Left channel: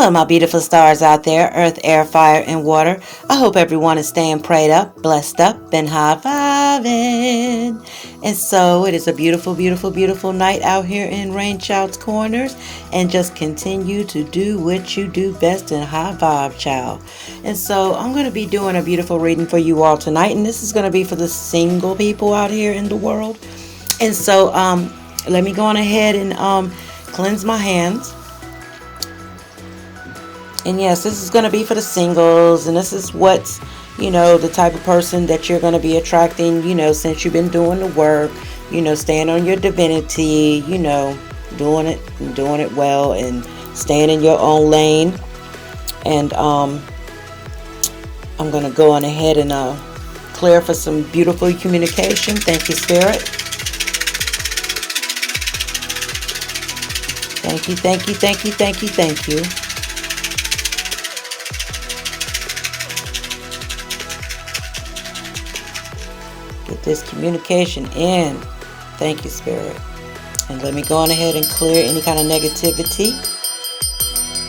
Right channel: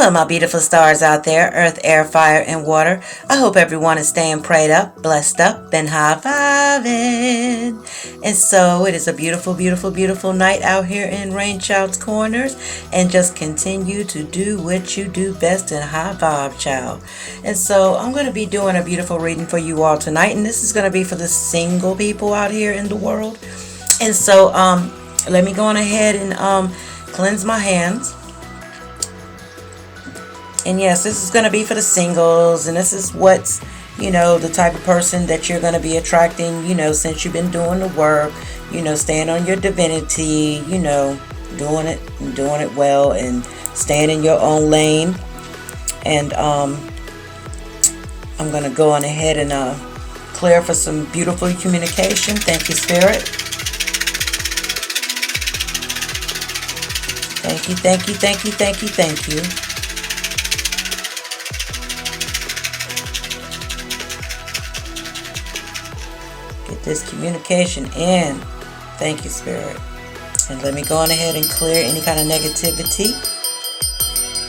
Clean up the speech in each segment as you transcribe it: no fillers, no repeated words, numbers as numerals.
Hello, my beautiful stars out there, earth, air, fire, and water. I hope everyone is staying prayed up, blessed up, and high-fiving. And so it is a beautiful, beautiful, beautiful night out here in RainChildz Kornerz. And just continue to do what you do best and high vibe, child. And so I'm going to be doing a beautiful reading for you all tonight. And this is going to be for the single people out here in the world. And so let me go on ahead and cleanse my hands. And yes, this is going to be for the singles, and this is what's, the type of person that you're going to be attracting, since you've been doing the work, staying on your divinity, doing it well and staying in your own lane. And I'm going to go on ahead and clear for some beautiful communication. Thank you, Spirit. Thank you, thank you, thank you, thank you, thank you. Get this communication in. Thank you, Spirit. And let me go on ahead and clear any kind of negativity.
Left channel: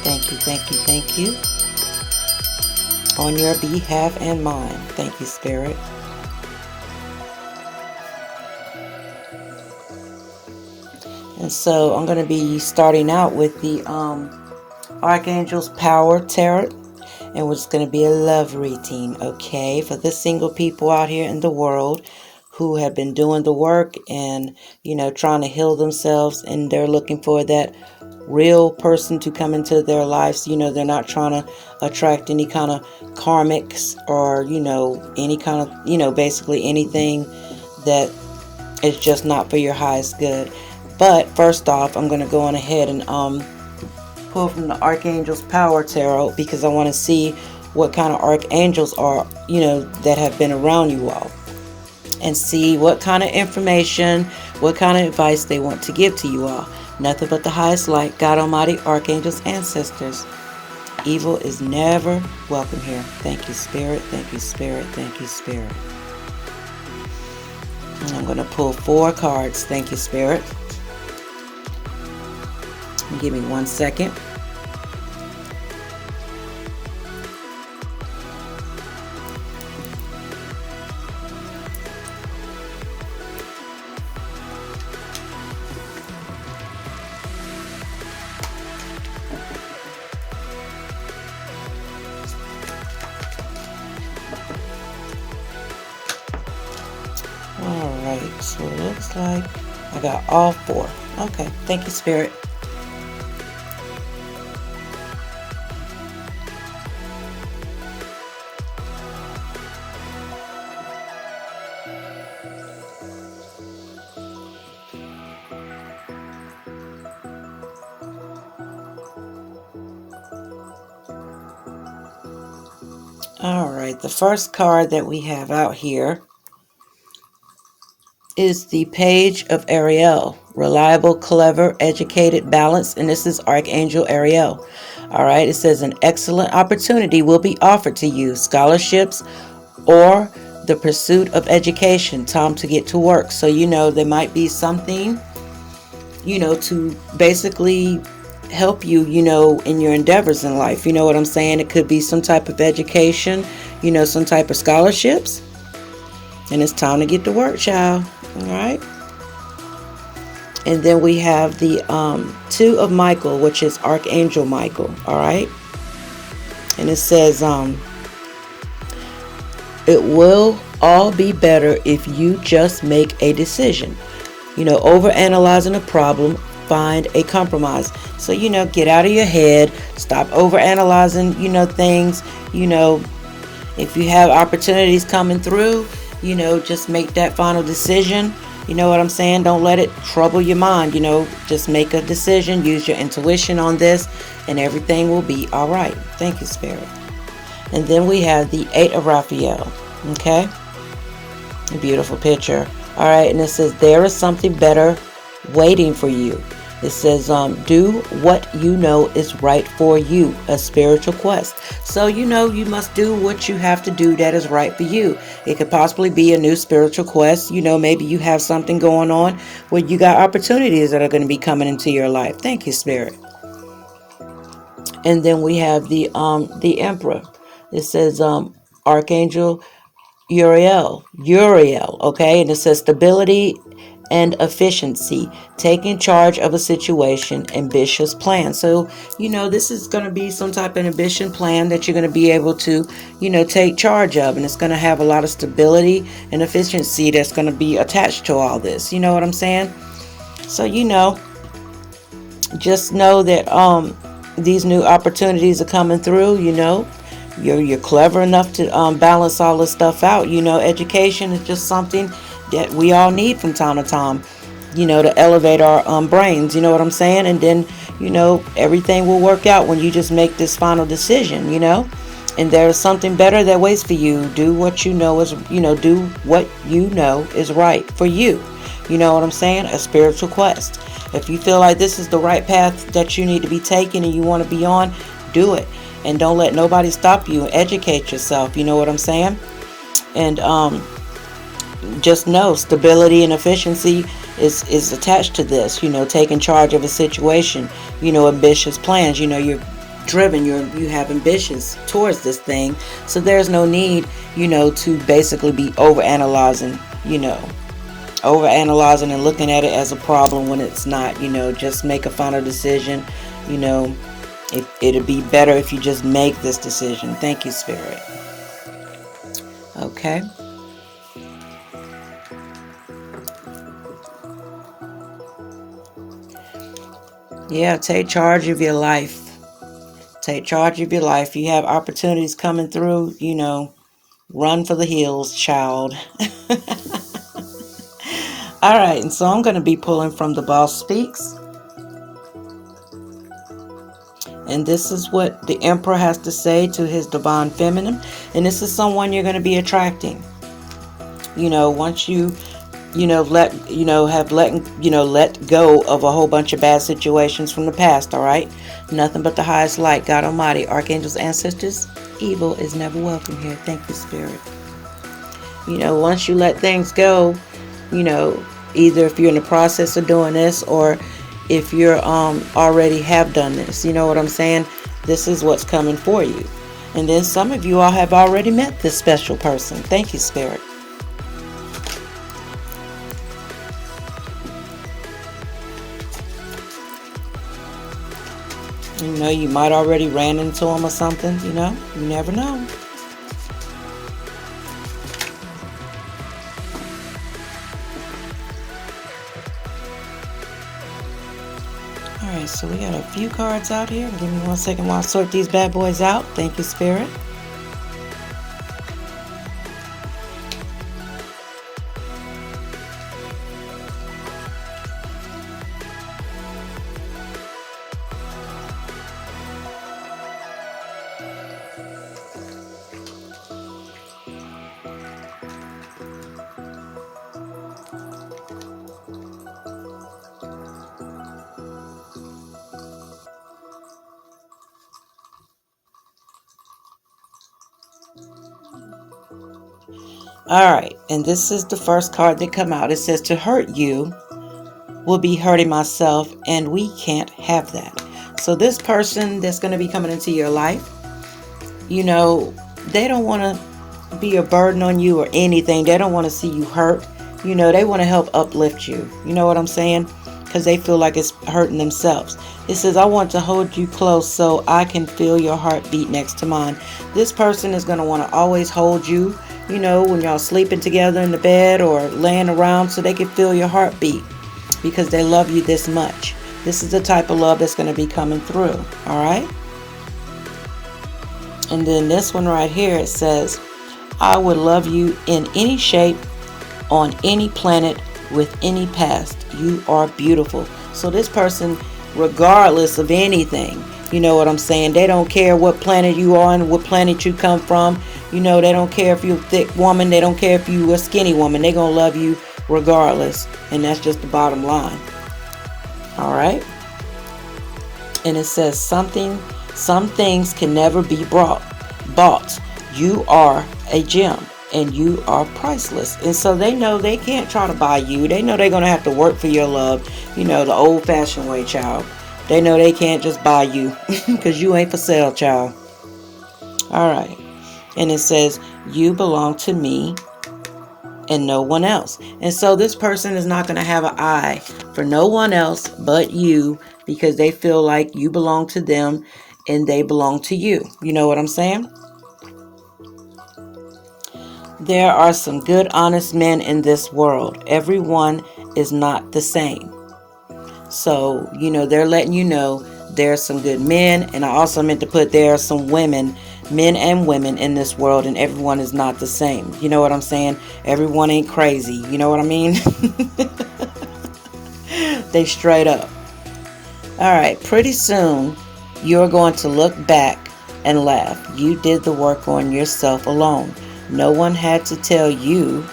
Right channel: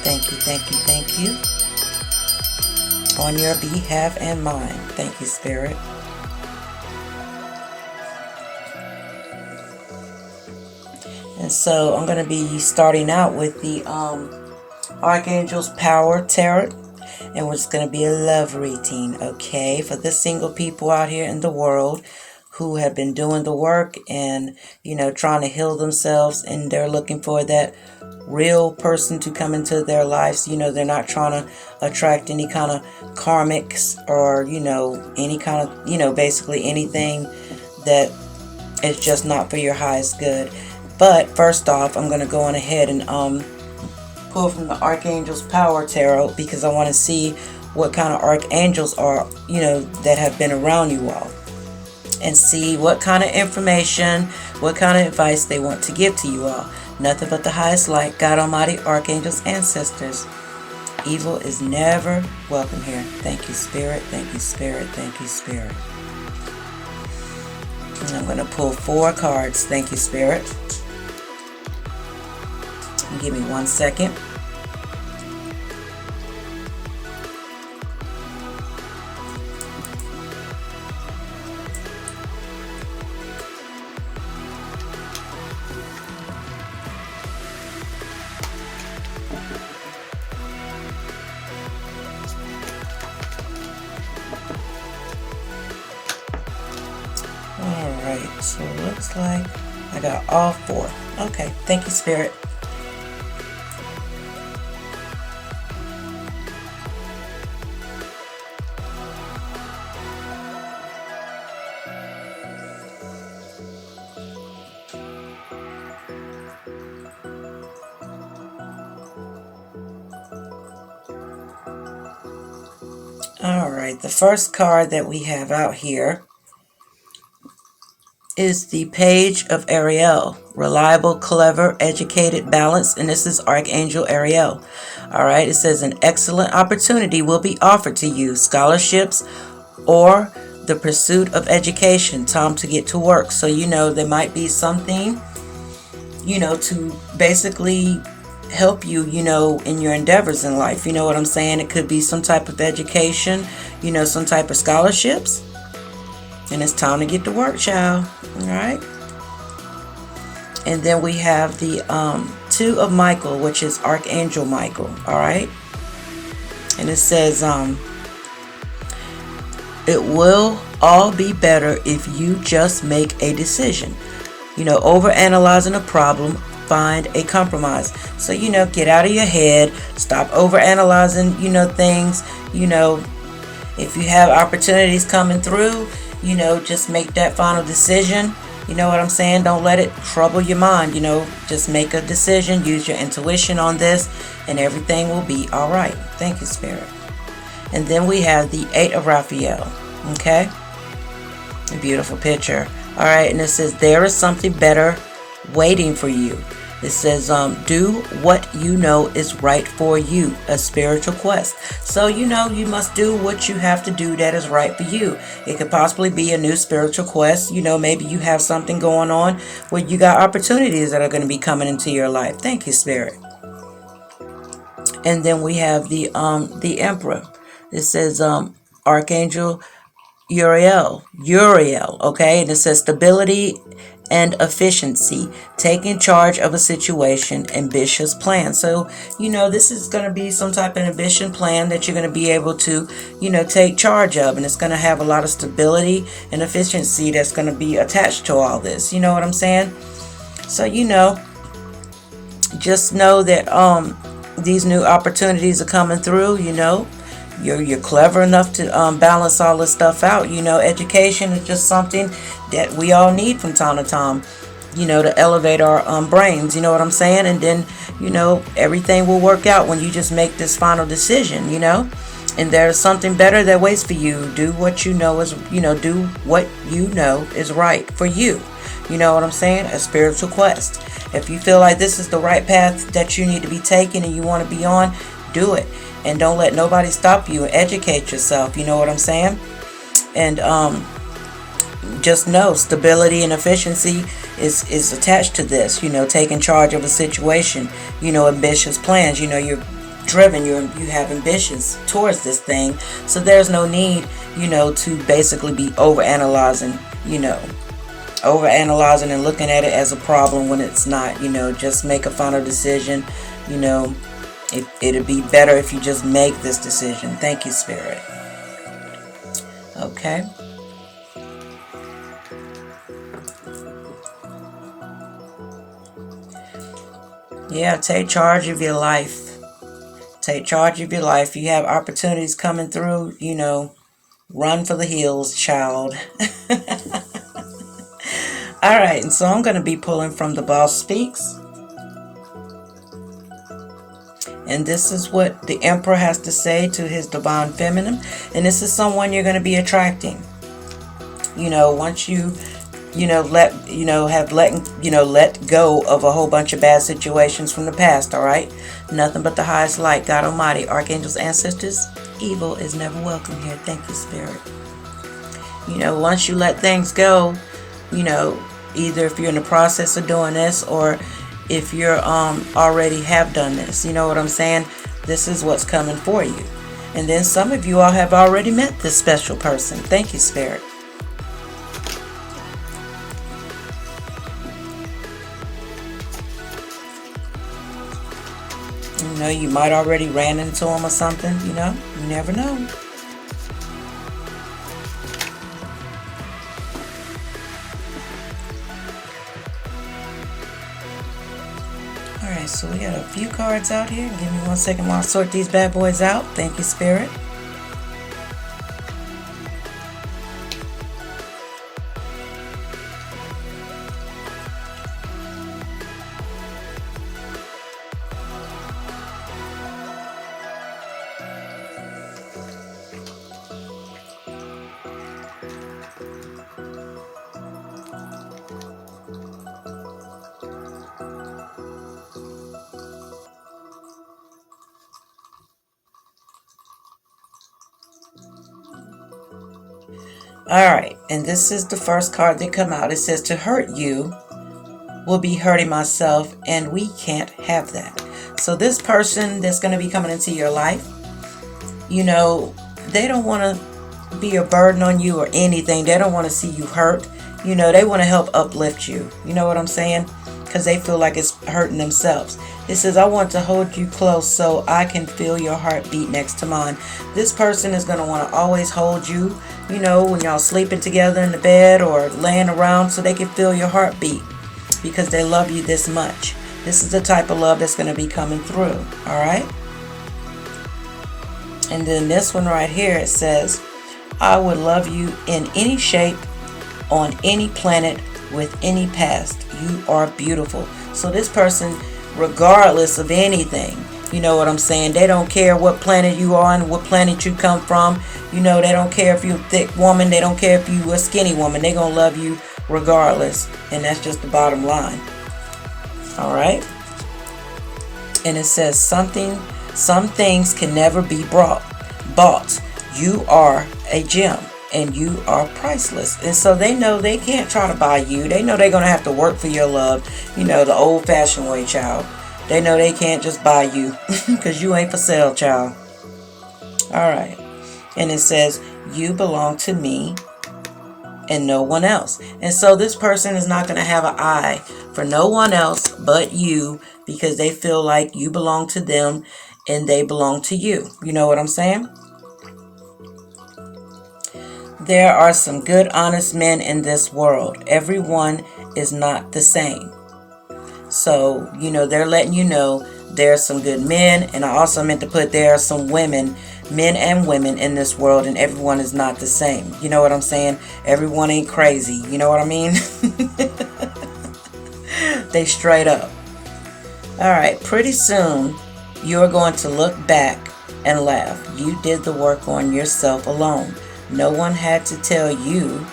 Thank you, thank you, thank you. On your behalf and mine. Thank you, Spirit. And so I'm going to be starting out with the Archangel's Power Tarot. And it's going to be a love reading, okay, for the single people out here in the world who have been doing the work and, trying to heal themselves. And they're looking for that real person to come into their lives. They're not trying to attract any kind of karmics or, any kind of, basically anything that is just not for your highest good. But first off, I'm going to go on ahead and pull from the Archangel's Power Tarot because I want to see what kind of archangels are, that have been around you all, and see what kind of information, what kind of advice they want to give to you all. Nothing but the highest light, God Almighty, archangels, ancestors. Evil is never welcome here. Thank you, Spirit. Thank you, Spirit. Thank you, Spirit. And I'm going to pull 4 cards. Thank you, Spirit. Give me 1 second. All right, so it looks like I got all 4. Okay, thank you, Spirit. All right, the first card that we have out here is the Page of Ariel. Reliable, clever, educated, balanced, and this is Archangel Ariel. All right, it says an excellent opportunity will be offered to you. Scholarships or the pursuit of education. Time to get to work. So, there might be something, to basically help you, in your endeavors in life. You know what I'm saying? It could be some type of education, some type of scholarships. And it's time to get to work, child. All right. And then we have the 2 of Michael, which is Archangel Michael. All right. And it says, it will all be better if you just make a decision. Overanalyzing a problem, find a compromise. So, get out of your head, stop overanalyzing, things, if you have opportunities coming through, just make that final decision. You know what I'm saying? Don't let it trouble your mind, just make a decision, use your intuition on this, and everything will be all right. Thank you, Spirit. And then we have the 8 of Raphael, okay? A beautiful picture. All right, and it says, there is something better waiting for you. It says, do what you know is right for you, a spiritual quest. So, you must do what you have to do that is right for you. It could possibly be a new spiritual quest. Maybe you have something going on where you got opportunities that are going to be coming into your life. Thank you, Spirit. And then we have the Emperor. It says Archangel Uriel, okay? And it says stability and efficiency, taking charge of a situation, ambitious plan. So, this is going to be some type of ambitious plan that you're going to be able to, take charge of. And it's going to have a lot of stability and efficiency that's going to be attached to all this. You know what I'm saying? So, just know that these new opportunities are coming through. You're clever enough to balance all this stuff out. Education is just something that we all need from time to time, to elevate our brains. You know what I'm saying? And then, everything will work out when you just make this final decision, and there's something better that waits for you. Do what you know is, do what you know is right for you. You know what I'm saying? A spiritual quest. If you feel like this is the right path that you need to be taking and you want to be on, do it. And don't let nobody stop you, and educate yourself. You know what I'm saying? And just know stability and efficiency is attached to this. Taking charge of a situation. Ambitious plans. You're driven. You have ambitions towards this thing. So there's no need, to basically be overanalyzing. Overanalyzing and looking at it as a problem when it's not. Just make a final decision. It'd be better if you just make this decision. Thank you, Spirit. Okay. Yeah, take charge of your life. Take charge of your life. You have opportunities coming through, run for the hills, child. All right, and so I'm going to be pulling from The Boss Speaks. And this is what the Emperor has to say to his divine feminine. And this is someone you're going to be attracting. Once you, let go of a whole bunch of bad situations from the past, all right? Nothing but the highest light, God Almighty, archangels, ancestors. Evil is never welcome here. Thank you, Spirit. Once you let things go, either if you're in the process of doing this or if you're already have done this, you know what I'm saying? This is what's coming for you. And then some of you all have already met this special person. Thank you, Spirit. You might already ran into him or something, you never know. Alright, so we got a few cards out here. Give me 1 second while I sort these bad boys out. Thank you, Spirit. Alright, and this is the first card that come out. It says, to hurt you will be hurting myself, and we can't have that. So this person that's going to be coming into your life, they don't want to be a burden on you or anything. They don't want to see you hurt. They want to help uplift you. You know what I'm saying? Because they feel like it's hurting themselves. It says, I want to hold you close so I can feel your heartbeat next to mine. This person is going to want to always hold you, when y'all sleeping together in the bed or laying around, so they can feel your heartbeat because they love you this much. This is the type of love that's going to be coming through. All right. And then this one right here, it says, I would love you in any shape, on any planet, with any past. You are beautiful. So this person, regardless of anything, you know what I'm saying? They don't care what planet you are and what planet you come from. They don't care if you're a thick woman. They don't care if you're a skinny woman. They're going to love you regardless. And that's just the bottom line. All right. And it says some things can never be bought. You are a gem and you are priceless. And so they know they can't try to buy you. They know they're going to have to work for your love, the old fashioned way, child. They know they can't just buy you because you ain't for sale, child. All right. And it says, you belong to me and no one else. And so this person is not going to have an eye for no one else but you, because they feel like you belong to them and they belong to you. You know what I'm saying? There are some good, honest men in this world. Everyone is not the same. So, they're letting you know there are some good men. And I also meant to put there are some women, men and women in this world, and everyone is not the same. You know what I'm saying? Everyone ain't crazy. You know what I mean? They straight up. All right. Pretty soon, you're going to look back and laugh. You did the work on yourself alone. No one had to tell you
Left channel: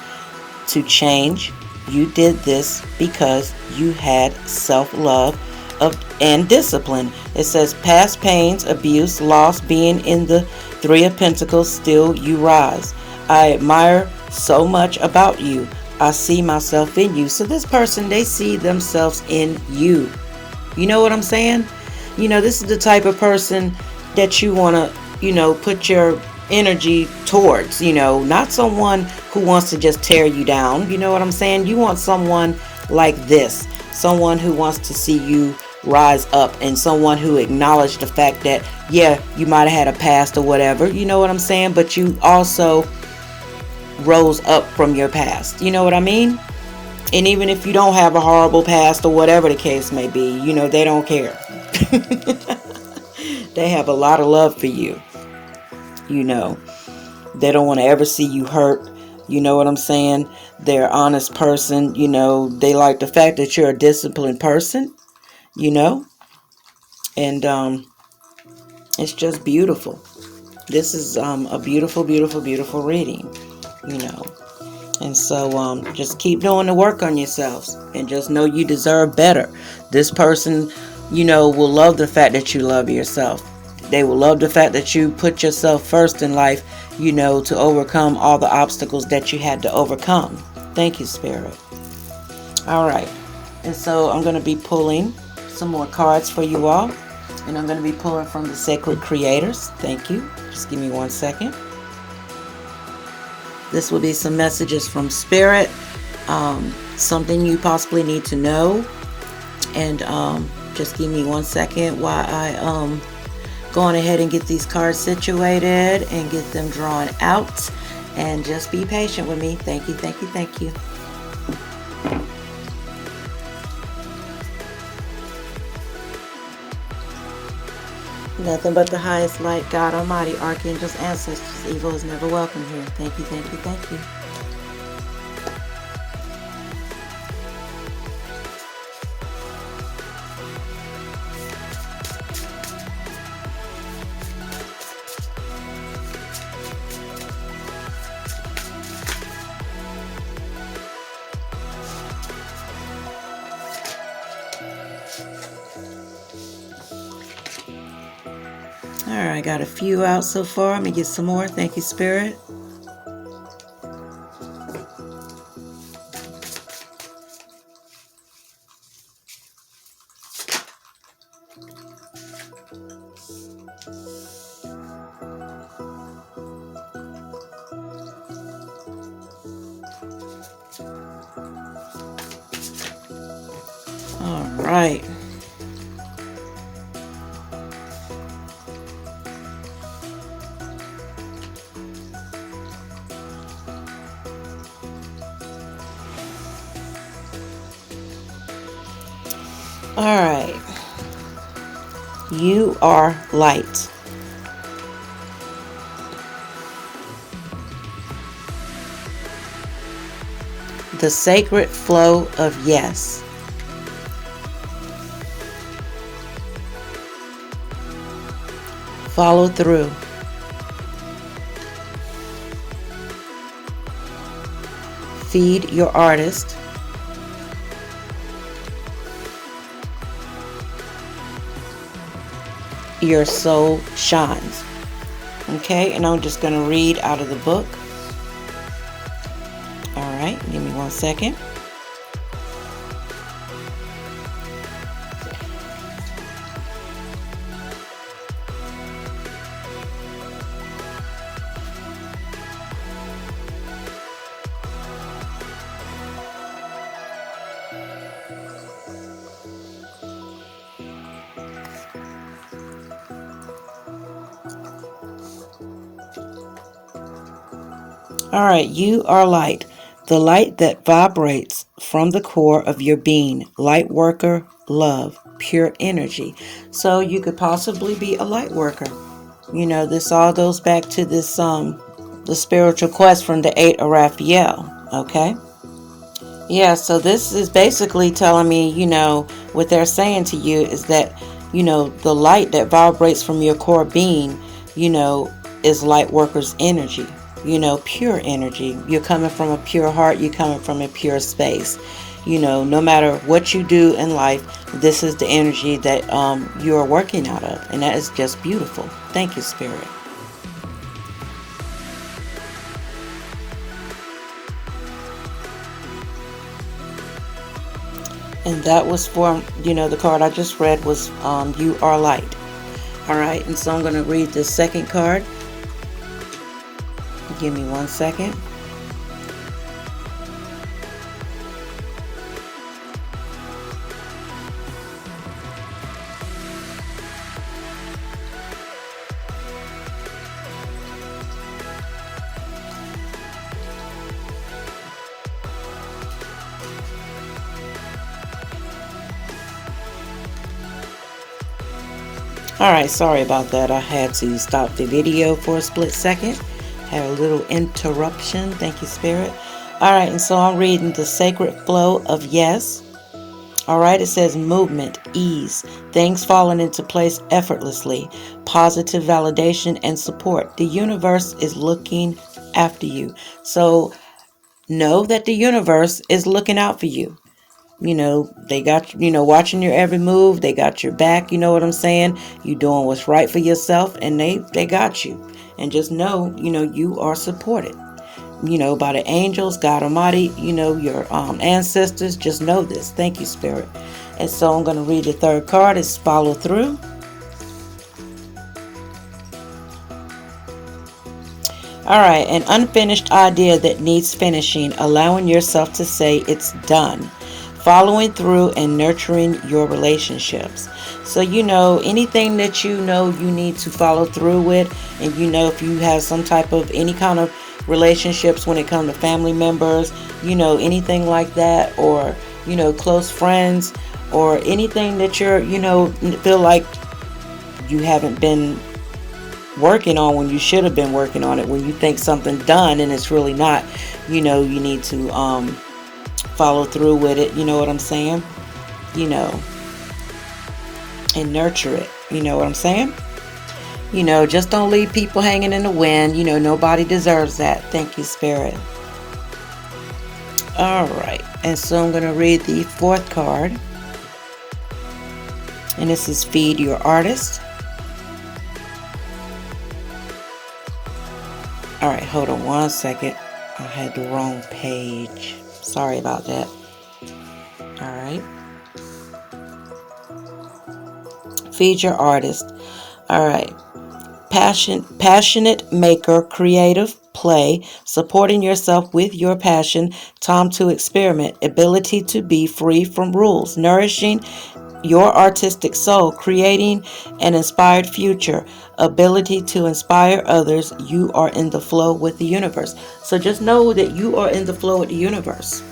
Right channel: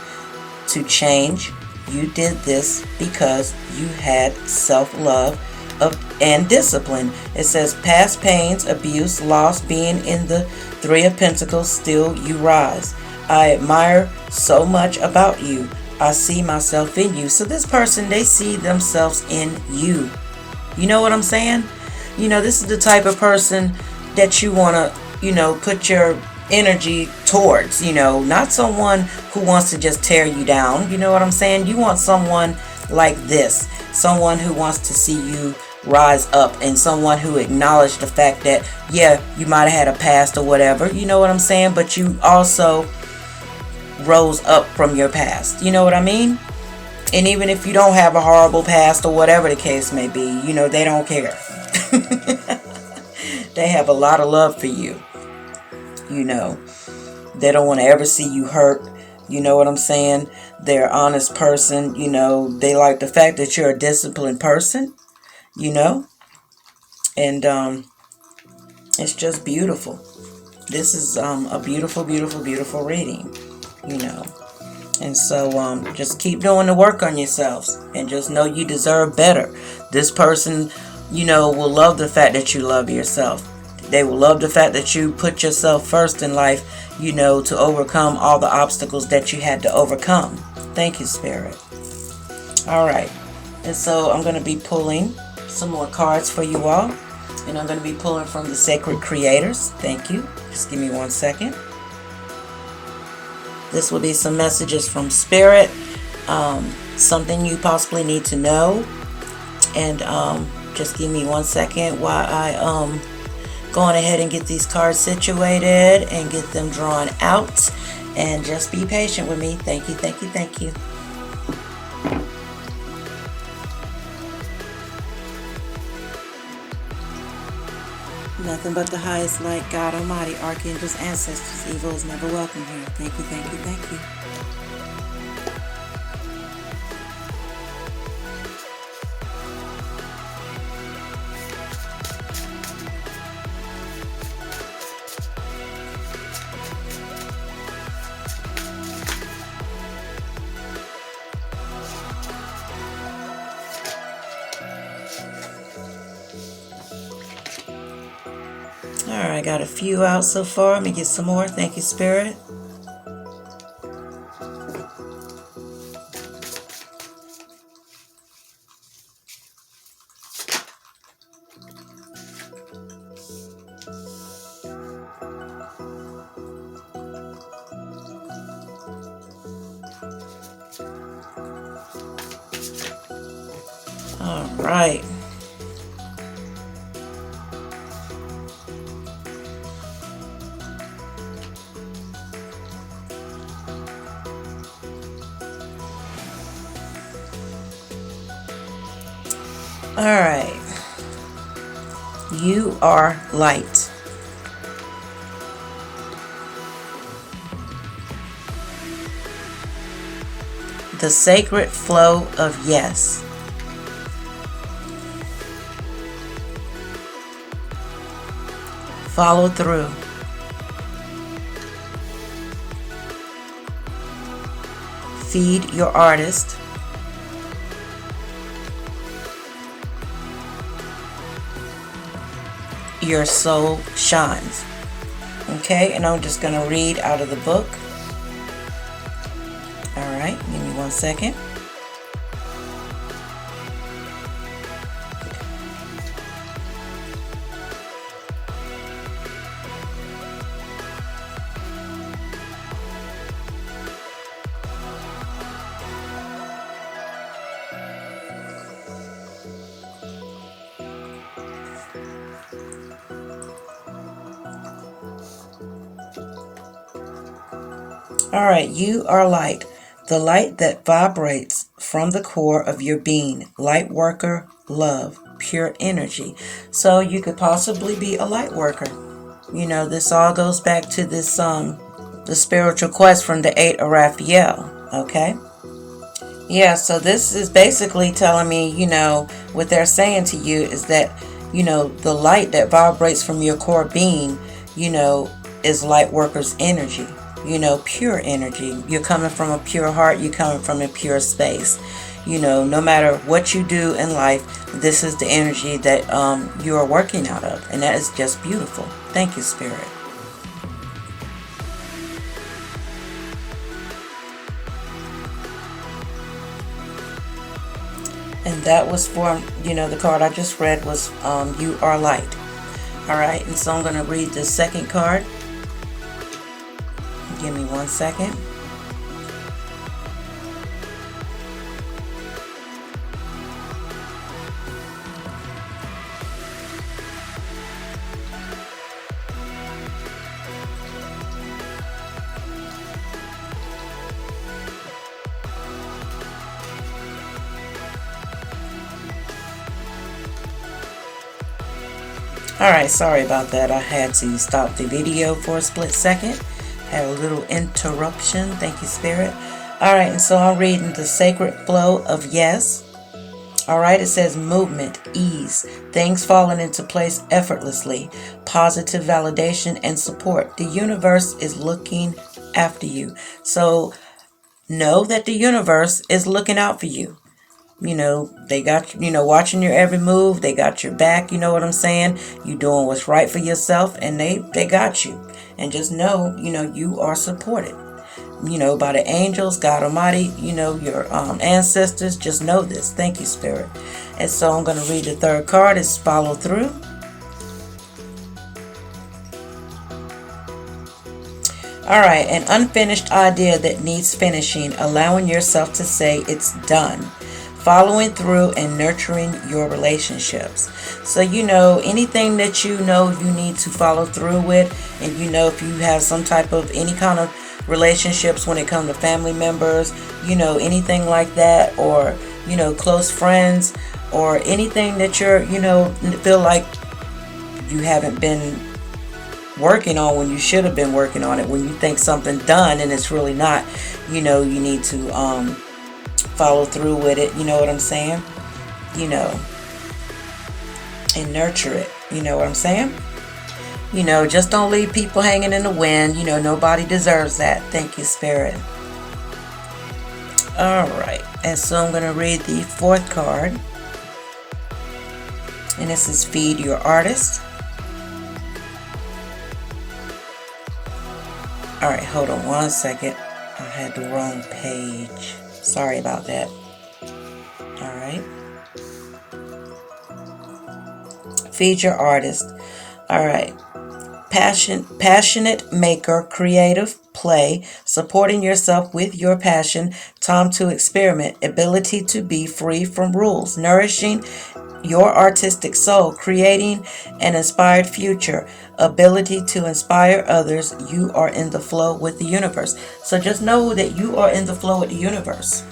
to change. You did this because you had self-love and discipline. It says past pains, abuse, loss, being in the Three of Pentacles, still you rise. I admire so much about you. I see myself in you. So this person, they see themselves in you. You know what I'm saying? This is the type of person that you want to, put your energy towards, not someone who wants to just tear you down. You know what I'm saying? You want someone like this, someone who wants to see you rise up, and someone who acknowledged the fact that, yeah, you might have had a past or whatever, you know what I'm saying, but you also rose up from your past. You know what I mean? And even if you don't have a horrible past or whatever the case may be, they don't care. They have a lot of love for you. They don't want to ever see you hurt. You know what I'm saying? They're an honest person. They like the fact that you're a disciplined person, and it's just beautiful. This is a beautiful, beautiful, beautiful reading, and so just keep doing the work on yourselves, and just know you deserve better. This person, will love the fact that you love yourself. They will love the fact that you put yourself first in life, to overcome all the obstacles that you had to overcome. Thank you, Spirit. All right. And so I'm going to be pulling some more cards for you all. And I'm going to be pulling from the Sacred Creators. Thank you. Just give me 1 second. This will be some messages from Spirit. Something you possibly need to know. And just give me 1 second while I go on ahead and get these cards situated and get them drawn out. And just be patient with me. Thank you, thank you, thank you. Nothing but the highest light, God Almighty, Archangels, ancestors. Evil is never welcome here. Thank you, thank you, thank you. Alright, I got a few out so far. Let me get some more. Thank you, Spirit. Alright. Alright. You are light. The sacred flow of yes. Follow through. Feed your artist. Your soul shines. Okay, and I'm just going to read out of the book. All right, give me 1 second. All right, you are light, the light that vibrates from the core of your being. Light worker, love, pure energy. So you could possibly be a light worker. You know, this all goes back to this the spiritual quest from the 8 of Raphael. Okay. Yeah, so this is basically telling me, you know, what they're saying to you is that, you know, the light that vibrates from your core being, you know, is light worker's energy, you know, pure energy. You're coming from a pure heart, you're coming from a pure space. You know, no matter what you do in life, this is the energy that you are working out of, and that is just beautiful. Thank you, Spirit. And that was for, you know, the card I just read was You Are Light. All right, and so I'm going to read the second card. Give me 1 second. Alright, sorry about that. I had to stop the video for a split second. Had a little interruption. Thank you, Spirit. Alright, and so I'm reading the sacred flow of yes. Alright, it says movement, ease, things falling into place effortlessly, positive validation and support. The universe is looking after you. So know that the universe is looking out for you. You know, they got, you know, watching your every move. They got your back. You know what I'm saying? You doing what's right for yourself, and they got you. And just know, you know, you are supported, you know, by the angels, God Almighty, you know, your ancestors. Just know this. Thank you, Spirit. And so I'm going to read the third card. It's follow through. All right, an unfinished idea that needs finishing, allowing yourself to say it's done. Following through and nurturing your relationships. So, you know, anything that you know you need to follow through with, and you know, if you have some type of any kind of relationships when it comes to family members, you know, anything like that, or, you know, close friends, or anything that you're, you know, feel like you haven't been working on when you should have been working on it, when you think something done and it's really not, you know, you need to follow through with it, you know what I'm saying? You know, and nurture it, you know what I'm saying? You know, just don't leave people hanging in the wind. You know, nobody deserves that. Thank you, Spirit. All right, and so I'm going to read the fourth card, and this is Feed Your Artist. All right, hold on 1 second. I had the wrong page. Sorry about that. All right. Feed your artist. All right. Passionate maker, creative play, supporting yourself with your passion, time to experiment, ability to be free from rules, nourishing your artistic soul, creating an inspired future, ability to inspire others. You are in the flow with the universe. So just know that you are in the flow with the universe.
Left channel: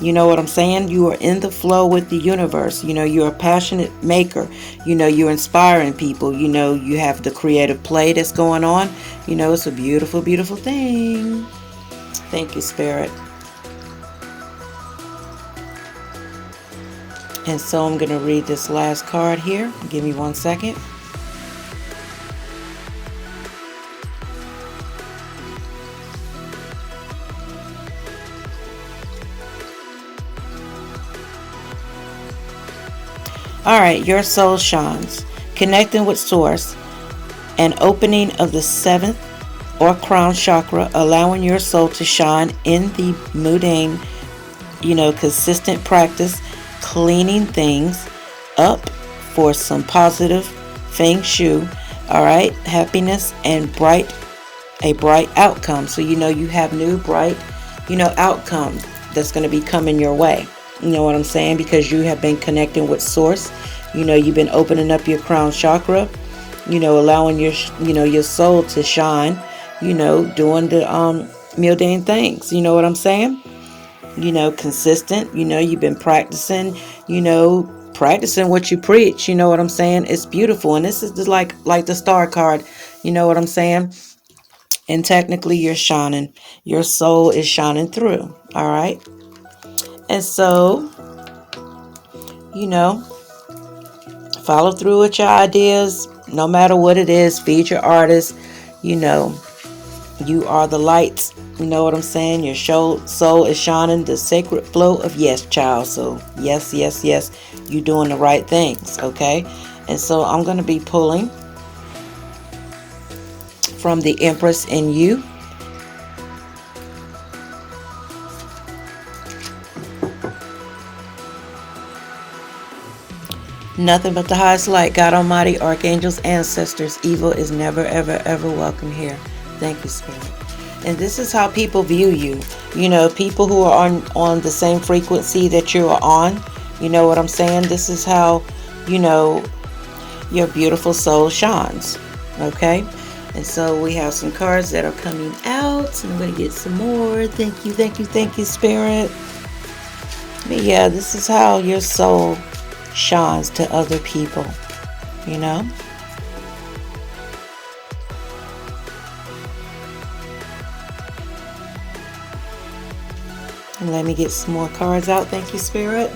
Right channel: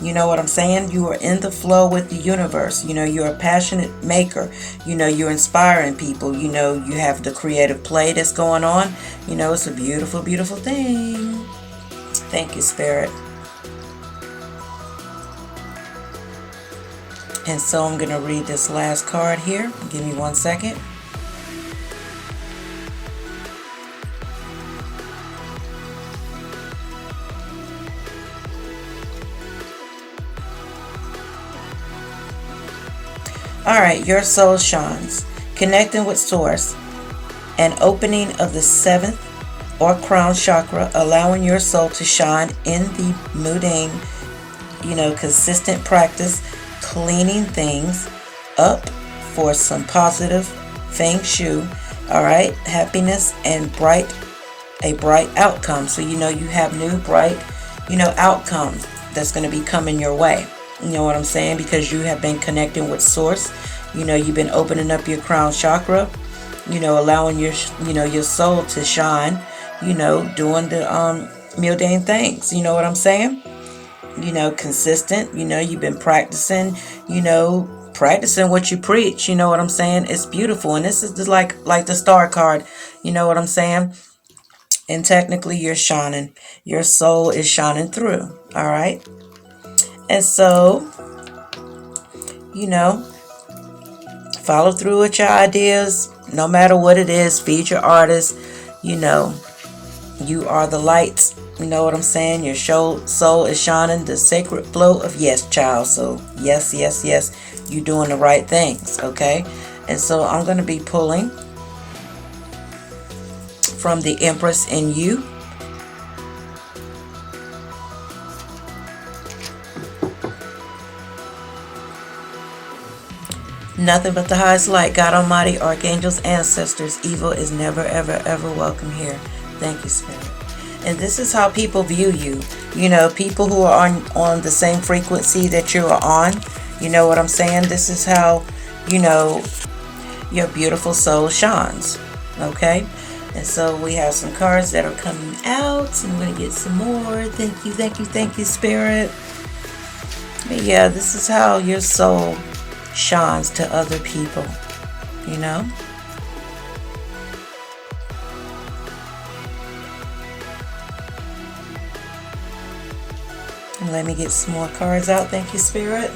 You know what I'm saying? You are in the flow with the universe. You know, you're a passionate maker. You know, you're inspiring people. You know, you have the creative play that's going on. You know, it's a beautiful, beautiful thing. Thank you, Spirit. And so I'm going to read this last card here. Give me 1 second. All right, your soul shines, connecting with source, an opening of the 7th or crown chakra, allowing your soul to shine in the mundane, you know, consistent practice, cleaning things up for some positive feng shui. All right, happiness and a bright outcome. So, you know, you have new bright, you know, outcome that's going to be coming your way. You know what I'm saying? Because you have been connecting with source. You know, you've been opening up your crown chakra, you know, allowing your, you know, your soul to shine, you know, doing the mundane things. You know what I'm saying? You know, consistent. You know, you've been practicing, you know, practicing what you preach. You know what I'm saying? It's beautiful. And this is just like the star card. You know what I'm saying? And technically you're shining. Your soul is shining through. All right. And so, you know, follow through with your ideas, no matter what it is. Feed your artists. You know, you are the lights. You know what I'm saying? Your soul is shining the sacred flow of yes, child. So yes, yes, yes, you're doing the right things. Okay. And so I'm going to be pulling from the Empress in you. Nothing but the highest light, God Almighty, archangels, ancestors. Evil is never, ever, ever welcome here. Thank you, Spirit. And this is how people view you. You know, people who are on the same frequency that you are on. You know what I'm saying? This is how, you know, your beautiful soul shines. Okay? And so we have some cards that are coming out. And I'm going to get some more. Thank you, thank you, thank you, Spirit. But yeah, this is how your soul shines to other people. You know? And let me get some more cards out. Thank you, Spirit.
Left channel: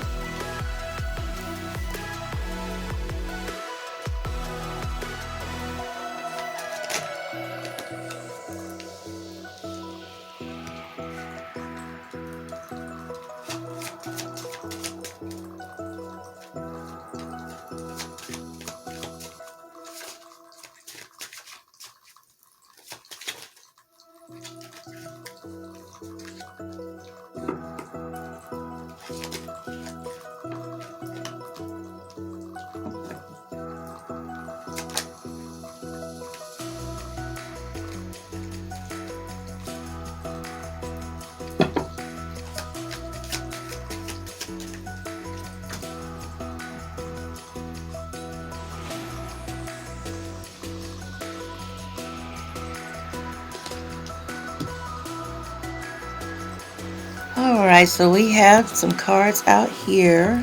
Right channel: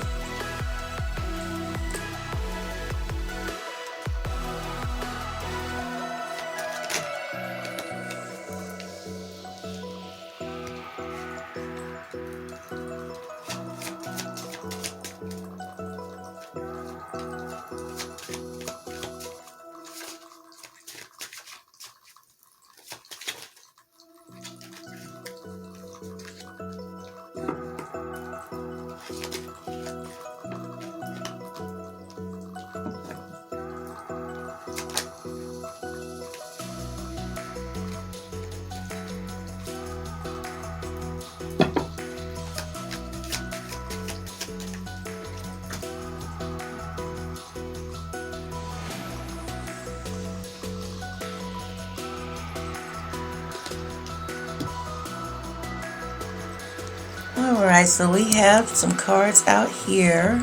Alright, so we have some cards out here.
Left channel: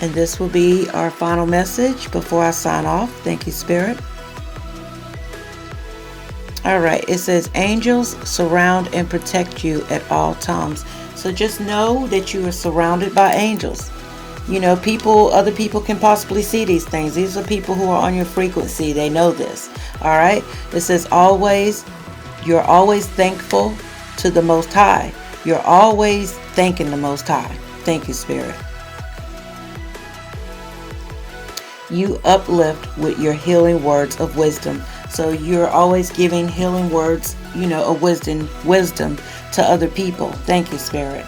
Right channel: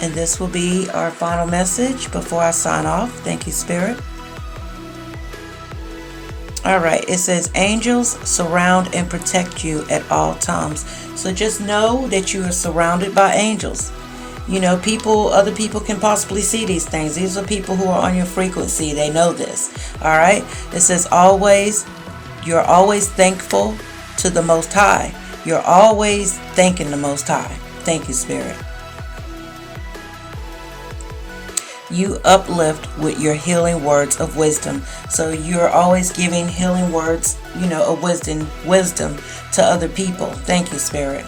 And this will be our final message before I sign off. Thank you, Spirit. Alright, it says, angels surround and protect you at all times. So just know that you are surrounded by angels. You know, other people can possibly see these things. These are people who are on your frequency. They know this. Alright, it says you're always thankful to the Most High. You're always thanking the Most High. Thank you, Spirit. You uplift with your healing words of wisdom. So you're always giving healing words, you know, of wisdom to other people. Thank you, Spirit.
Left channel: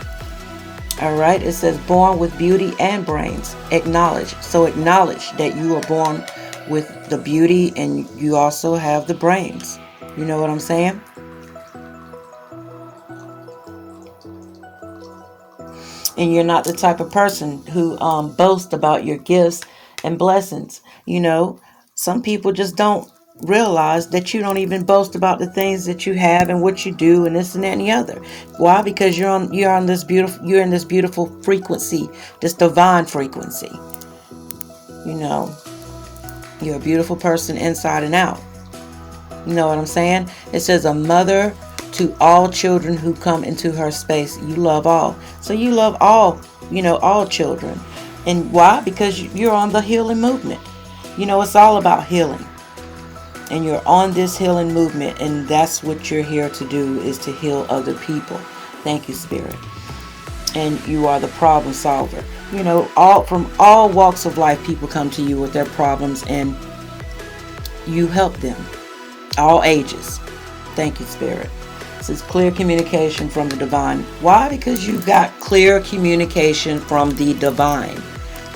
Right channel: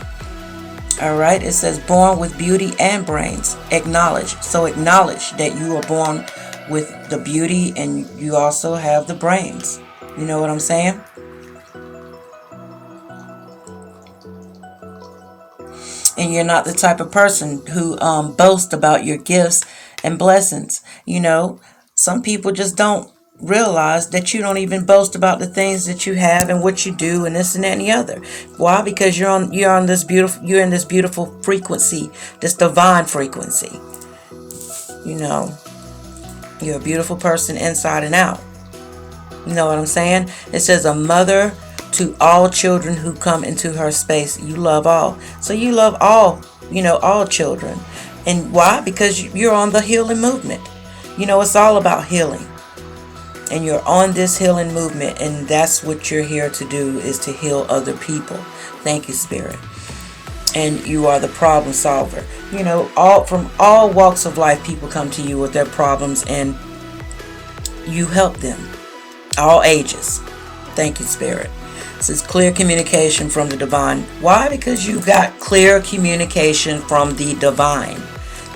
All right. It says born with beauty and brains. Acknowledge. So acknowledge that you are born with the beauty and you also have the brains. You know what I'm saying? And you're not the type of person who boasts about your gifts and blessings. You know, some people just don't realize that you don't even boast about the things that you have and what you do and this and that and the other. Why? Because you're in this beautiful frequency, this divine frequency. You know, you're a beautiful person inside and out. You know what I'm saying? It says a mother to all children who come into her space. You love all. So you love all, you know, all children. And why? Because you're on the healing movement. You know, it's all about healing. And you're on this healing movement. And that's what you're here to do, is to heal other people. Thank you, Spirit. And you are the problem solver. You know, from all walks of life, people come to you with their problems and you help them. All ages. Thank you, Spirit. This is clear communication from the divine. Why? Because you got clear communication from the divine.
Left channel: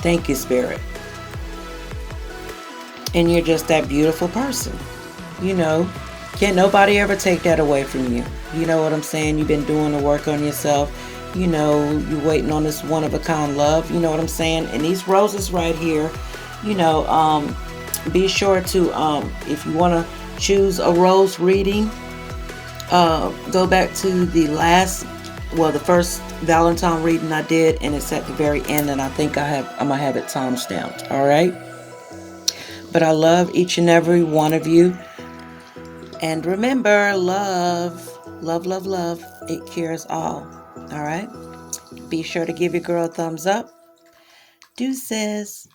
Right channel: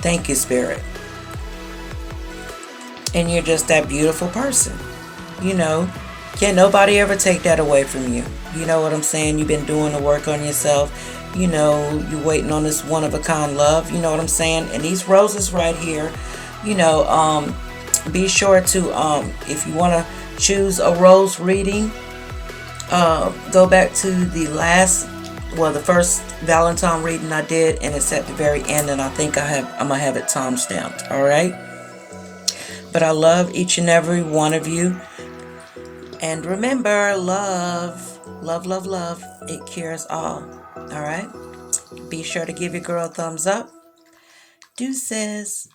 Thank you, Spirit. And you're just that beautiful person. You know, can't nobody ever take that away from you. You know what I'm saying? You've been doing the work on yourself. You know, you're waiting on this one-of-a-kind love. You know what I'm saying? And these roses right here, you know, be sure to, if you want to choose a rose reading, go back to the first Valentine reading I did, and it's at the very end, and I think I'm gonna have it time stamped. All right. But I love each and every one of you, and remember, love, love, love, love. It cures all. All right. Be sure to give your girl a thumbs up. Deuces.